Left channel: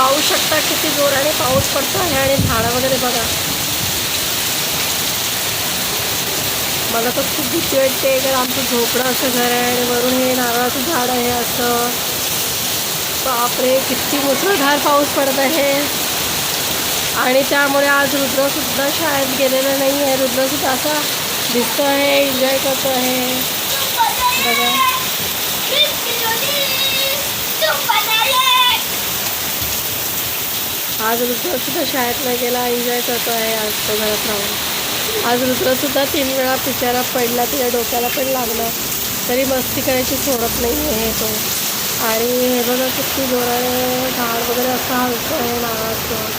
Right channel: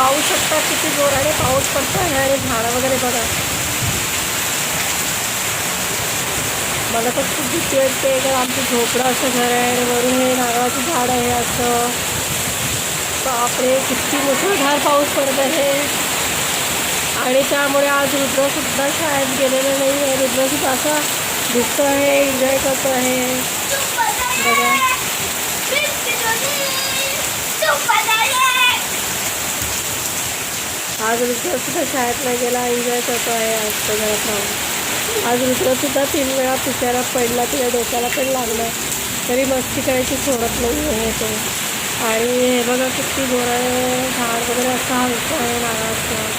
पाहू शकता किती जोराने पाऊस पडतो आहे आणि झाडं वगैरे बघा. मला तर खूप भीती वाटते कारण आमचं झोपडं असं घर आहे आणि वरून हे नारळाचं झाड आहे असं. बापरे किती मुसळधार पाऊस पडत आहे. आणि त्यामुळे आज रुद्रसुद्धा शाळेत गेलेलं नाही आहे. रुद्रसुद्धा असा दिसतो आहे, एन्जॉय करतो आहे बघा. आज रुद्रसुद्धा शाळेत नाही गेला, एन्जॉय करतो आहे आज तो घरात राहून. आज रुद्रसुद्धा 3 वेळा पिचारा पडला, त्याच्या डोक्याला पण लागलं तरी मस्ती करायची सोडत नाही आहे तो. आणि हे बघा किती जोराने झाड वगैरे असं हलतं आहे नारळाचं.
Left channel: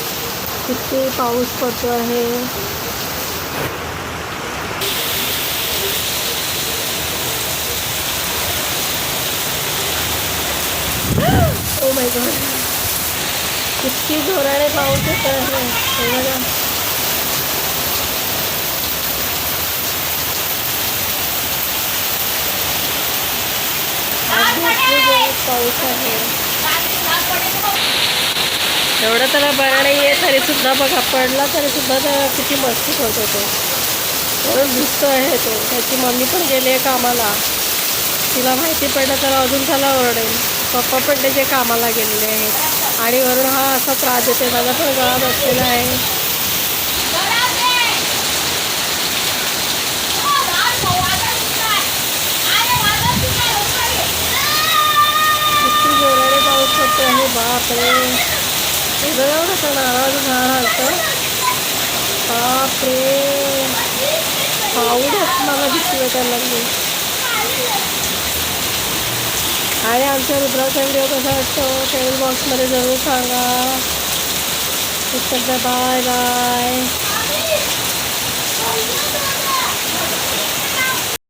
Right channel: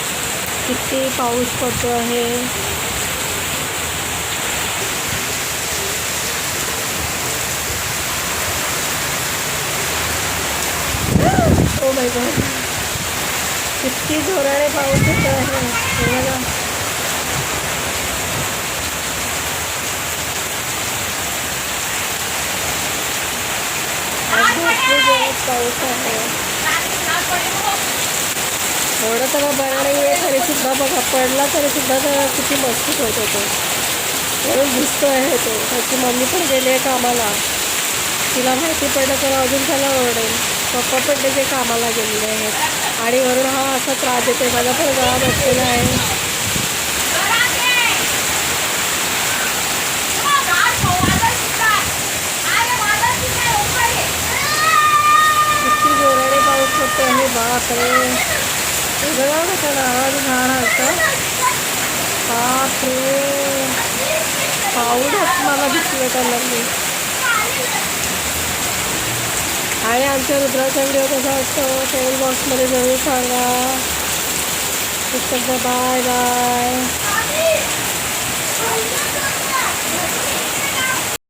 किती पाऊस पडतो आहे. ओ माय गॉड किती जोराने पाऊस येत आहे हे बघा. आज भरपूर जोरात पाऊस आहे. एवढं त्याला बरं नाही आहे तरीसुद्धा बघा पडला तरीसुद्धा त्याला किती मस्ती करतो तो. म्हणून दिसतो आहे तो. त्याची मम्मी पण गेली आहे कामाला. तिला माहिती पडलं तर अजून त्याला ओरडेल. पप्पा पण त्याचे कामाला गेलेले आहेत आणि वरून हा असा त्रास देते. माझा पण गळा बसलेला आहे. किती जोराने पाऊस पडतो आहे बापरे. हे बघा कसं नारळाचं झाड हलतं. बापरे पाऊसच मला भीती वाटायला लागली. आणि आमच्या रुद्राचा व्हिडिओ कसा वाटतो कमेंट बॉक्समध्ये जरूर सांगा. Bye bye.